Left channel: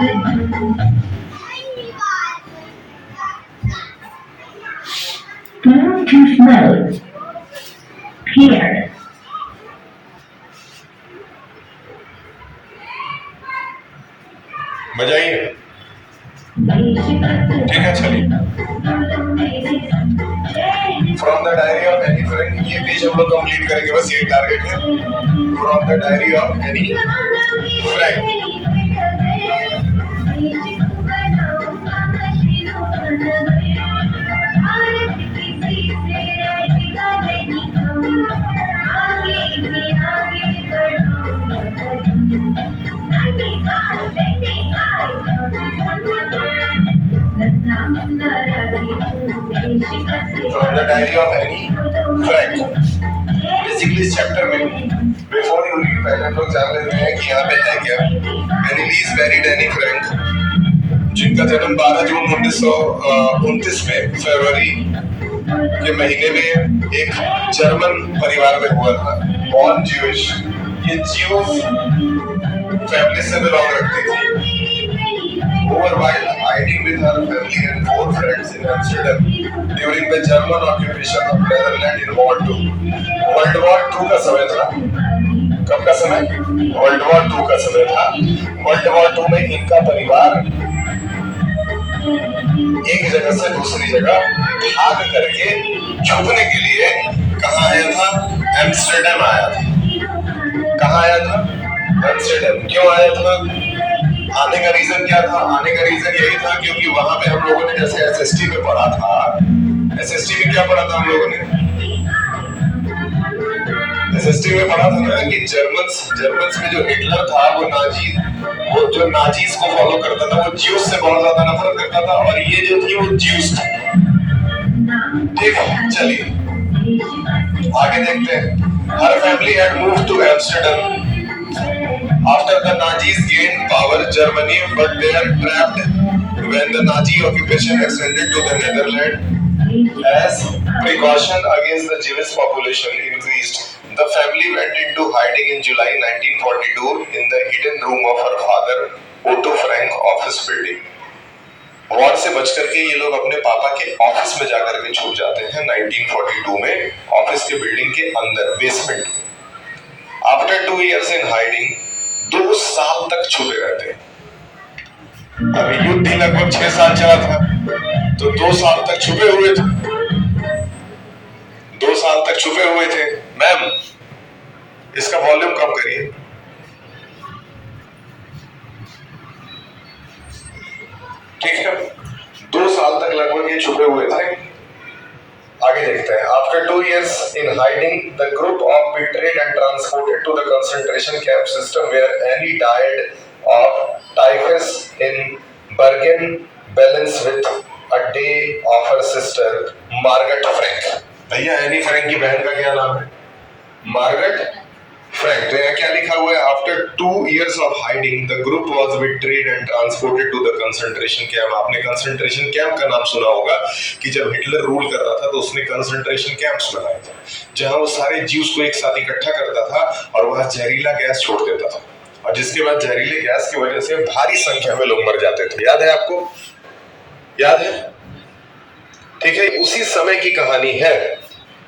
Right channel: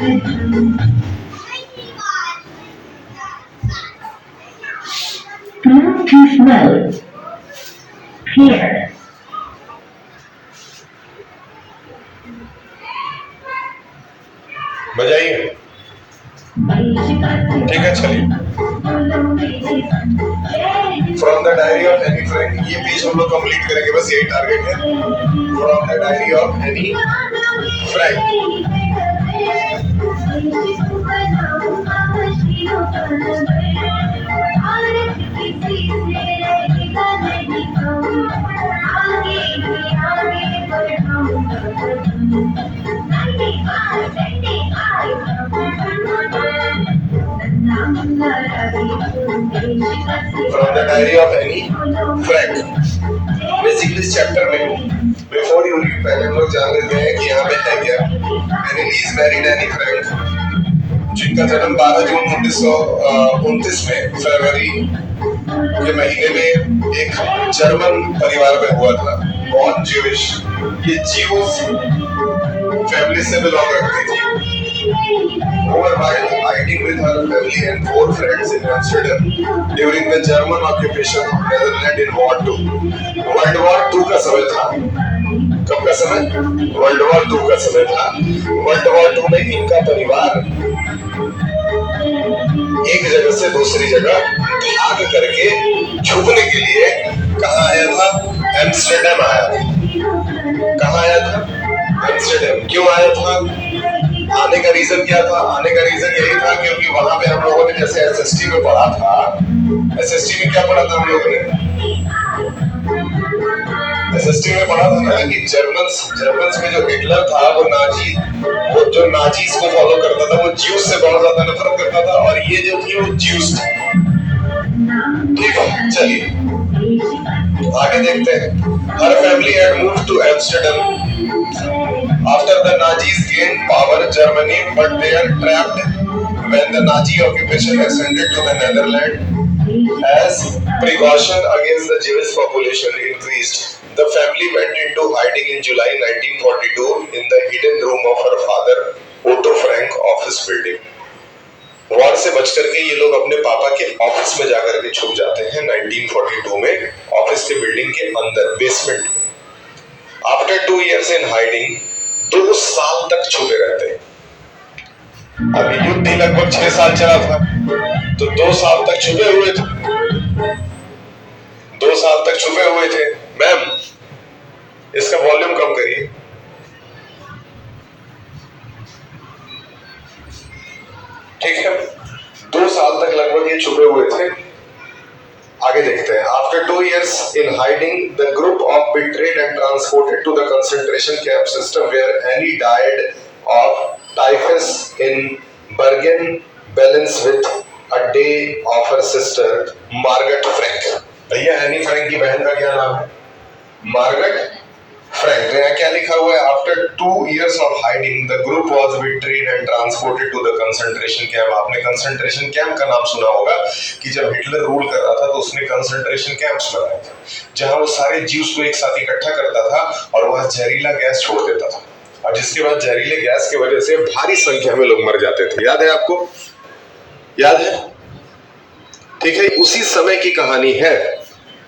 Bluetooth mode paired. बजाइए। ठीक है, चलिए। From the diary of Anne Frank, ये पेज हम लोग कंप्लीट करेंगे, बस यही टारगेट है। From the diary of Anne Frank. From the diary of any friend. Basically इस चैप्टर में बिफोर यू रीड पहले हम लोग जान लेते हैं कि यहाँ पे है क्या। Any lease married Anne Frank, जिनका जन्म 12 जून 1929 में फरवरी के महीने में एक जर्मन परिवार में हुआ था। बॉर्न ज्यूइश, ये ज्यूज फैमिली से बिलोंग रखती थी। Over while hiding with her family and 4 friends in Amsterdam during the German occupation of Netherlands in War II. World War II का समय था। कब का समय? World War II का समय था। World War II में इनका परिवार एक जगह से दूसरी जगह भाग करके छुपने के लिए कहाँ आया था? एम्स्टर्डम आया था। कहाँ आया था? एम्स्टर्डम। क्यों आया था? आने का रीजन क्या था? आने का रीजन यही था क्योंकि वहां पे हम लोगों ने जैसे एसएसटी में पढ़ा था। एसएसटी में क्या पढ़ा था हम लोगों ने? एसएसटी में पढ़ा था ना कि जर्मन्स में जो हिटलर था वो जो नाजीज को फॉलो करता था, वो ज्यूज से बहुत ज्यादा नफरत करता था, और ये जो थी वो ज्यूज थी। ठीक है, चलिए आगे देखते हैं। Her family had moved to Amsterdam after the Nazis gained power Germany, but they are trapped when the Nazi occupation extended to the Netherlands. As precaution against the Jewish population increased, the family went into hiding in July 1942 in the hidden room of her father Otto Frank office building. War से बच करके ये लोग अपने पापा के office में जाकर के छुप जाते हैं 1942 में, ऑफिस के बिल्डिंग के अंदर basement. After 2 years in hiding, 2 साल तक छुपे रहते हैं। अभी युद्ध ही लगभग 6 साल चला था, तो 2 साल तक छुपे हुए थे। 2 साल तक छुपे हुए थे। मैम, इसका वॉल्यूम कम करिए। ठीक है, 2 साल तक लगभग ये छुपे हुए थे। आगे देखते हैं। After 2 years in hiding, the group of betrayed and transported to the concentration camp system where Annie died of typhus in Bergen-Belsen with a day of her sister Margaret Frank. भैया एनी फ्रैंक की बहन का क्या नाम है? Margaret Frank. तो यहाँ क्या लिखा हुआ है? After 2 years of hiding, the group was betrayed and transported to the concentration camp. आपने कंसंट्रेशन कैंप का नाम सुना होगा कि जब हिटलर रूल कर रहा था तो उसने कंसंट्रेशन कैंप्स बनाए थे, जहां वो सारे ज्यूज को एक साथ इकट्ठा करता था और वहां जहरीला गैस छोड़ देता था, और जिसके बाद जहरीले गैस की वजह से भारी संख्या में लोग मर जाते थे। याद है आपको? याद है? ठीक है, उसी समय की कहानी है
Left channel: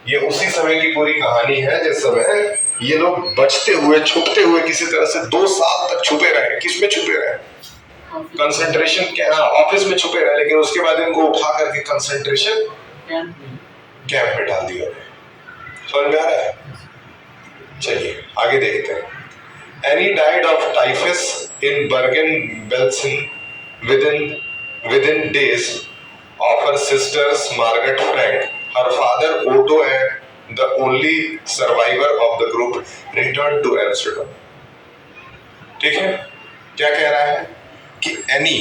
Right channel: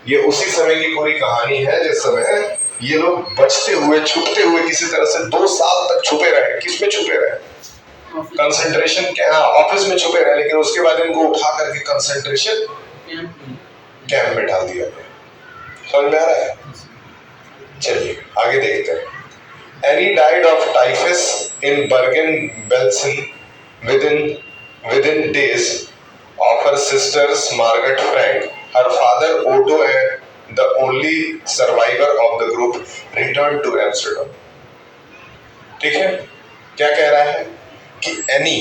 ये, उसी समय की पूरी कहानी है जिस समय ये लोग बचते हुए छुपते हुए किसी तरह से 2 साल तक छुपे रहे। किस में छुपे रहे? कंसंट्रेशन ऑफिस में छुपे रहे, लेकिन उसके बाद इनको उठा करके कंसंट्रेशन कैंप में डाल दिया गया। समझ में आ रहा है? चलिए आगे देखते हैं। Anne died of typhus in Bergen Belsen within days of her sisters Margaret Frank. Her father Otto and the only survivor of the group returned to Amsterdam. ठीक है, क्या कह रहा है कि एनी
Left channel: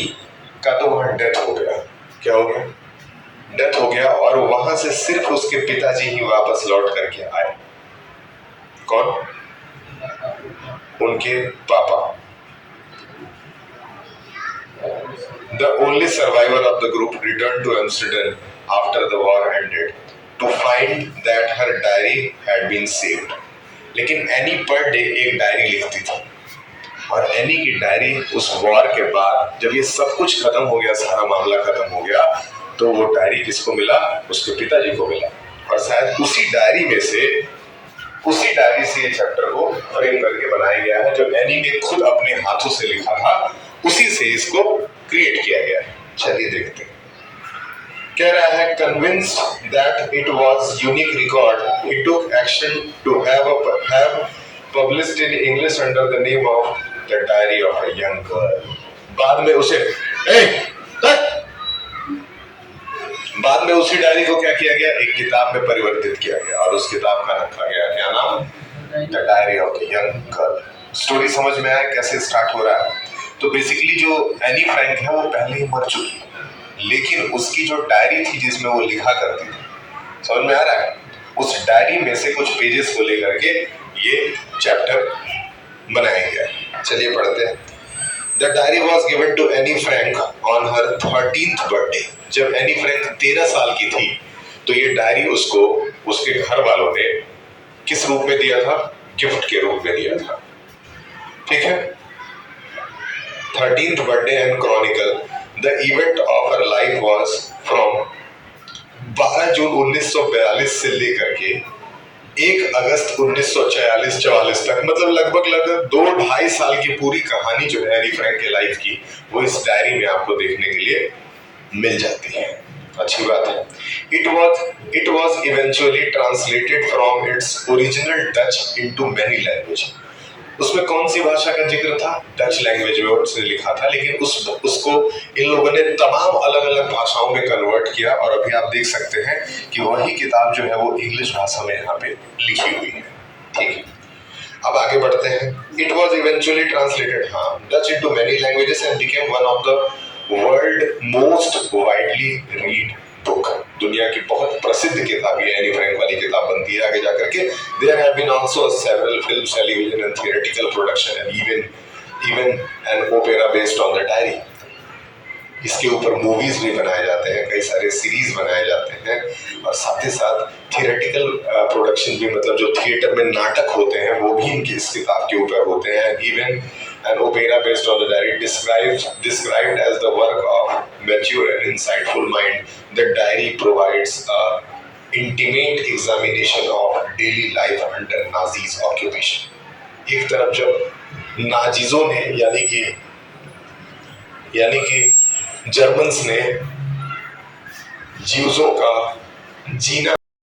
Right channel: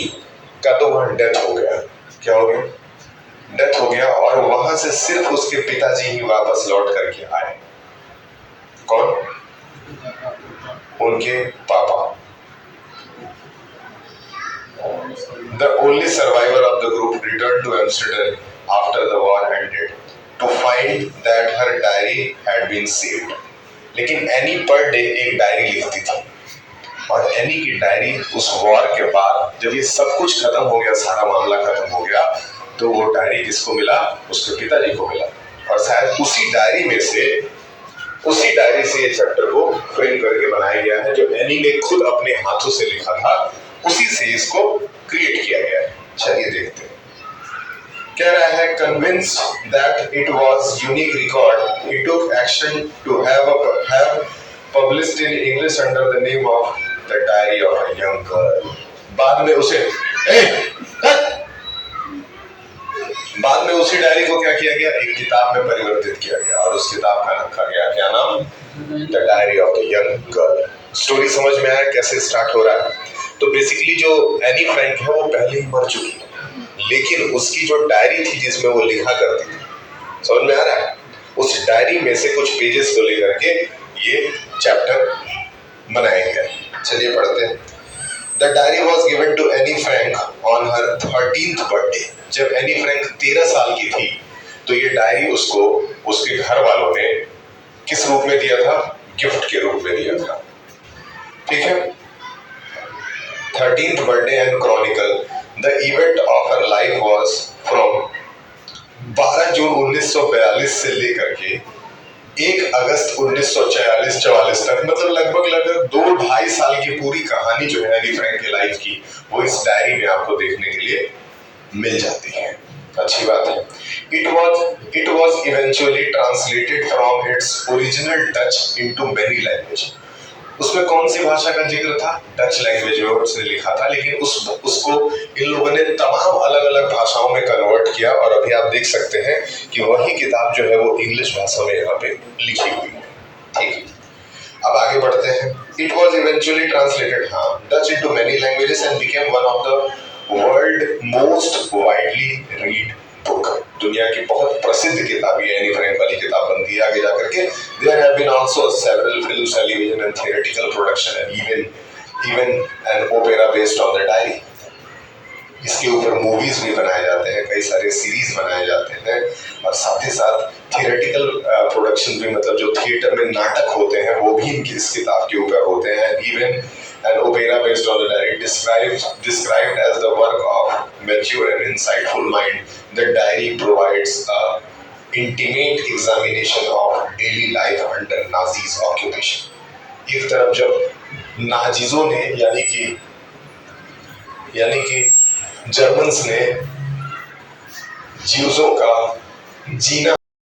का तो वहां डेथ हो गया। क्या हो गया? डेथ हो गया, और वहां से सिर्फ उसके पिताजी ही वापस लौट करके आए। कौन? उनके पापा। The only survivor of the group returned to Amsterdam after the war ended to find that her diary had been saved. लेकिन एनी पर डे एक डायरी लिखती थी, और एनी की डायरी उस वॉर के बाद जब ये सब कुछ खत्म हो गया, सारा मामला खत्म हो गया, तो वो डायरी किसको मिला? उसके पिताजी को मिला। और शायद उसी डायरी से ये चैप्टर को फ्रेम करके बनाया गया है, जो एनी ने खुद अपने हाथों से लिखा था, उसी से इसको क्रिएट किया गया है। चलिए देखते हैं। कह रहा है, convinced that it was unique record, he took action to have published in English under the name of The Diary of a Young Girl. बाद में उसी डायरी को क्या किया गया? एक किताब में परिवर्तित किया गया और उस किताब का रखा गया क्या नाम? The diary of the young girl. Story समझ में आया कैसे स्टार्ट हो रहा है? तो बेसिकली जो एनी फ्रैंक है वो पहले ही मर चुकी है, लेकिन उसकी जो डायरी थी जिसमें वो लिखा करती थी, समझ में आ रहा है? उस डायरी में से कुछ पेजेस को लेकर के ये चैप्टर बनाया गया है। चलिए पढ़ते हैं। The diary was given to Anne Frank on her 13th birthday. जब एनी फ्रैंक 13 साल की थी तो ये डायरी उसको उसके घर वालों ने किस रूप में दिया था? गिफ्ट के रूप में दिया था। ठीक है। 13th birthday and Chronicle the event of her life was from 12 जून 1942 से लेकर के 1 अगस्त 1944 तक, मतलब लगभग 2-2.5 साल की पूरी कहानी जो है एनी फ्रैंक के लाइफ की, वो इस डायरी में आपको देखने के लिए मिल जाती है। अच्छी बात है। It was eventually translated from its original Dutch into many languages. उसमें कौन सी भाषा का जिक्र था? डच लैंग्वेज में उसने लिखा था, लेकिन उसको इन लोगों ने तमाम अलग अलग भाषाओं में कन्वर्ट किया और अभी आप देख सकते हैं कि वही किताब जो है वो इंग्लिश भाषा में यहाँ पे लिखी हुई है। ठीक है, अब आगे बढ़ते हैं। It was eventually translated Dutch into many languages and became one of the world most widely read book. दुनिया की बहुत प्रसिद्ध किताब ये एनी फ्रैंक वाली किताब बनती है आगे जाकर के। There have been also several films, television and theoretical production and even an opera based on the diary. इसके ऊपर मूवीज भी बनाए जाते हैं, कई सारे सीरीज बनाए जाते हैं और साथ ही साथ थियोरेटिकल प्रोडक्शन भी, मतलब जो थिएटर में नाटक होते हैं वो भी इनकी इस किताब के ऊपर होते हैं। Even an opera based on the diary described as the work of mature and insightful mind, the diary provides a intimate examination of daily life under Nazis occupation। एक तरफ जब नाजीजों ने यानी कि जर्मन्स ने ज्यूज़ों का जीना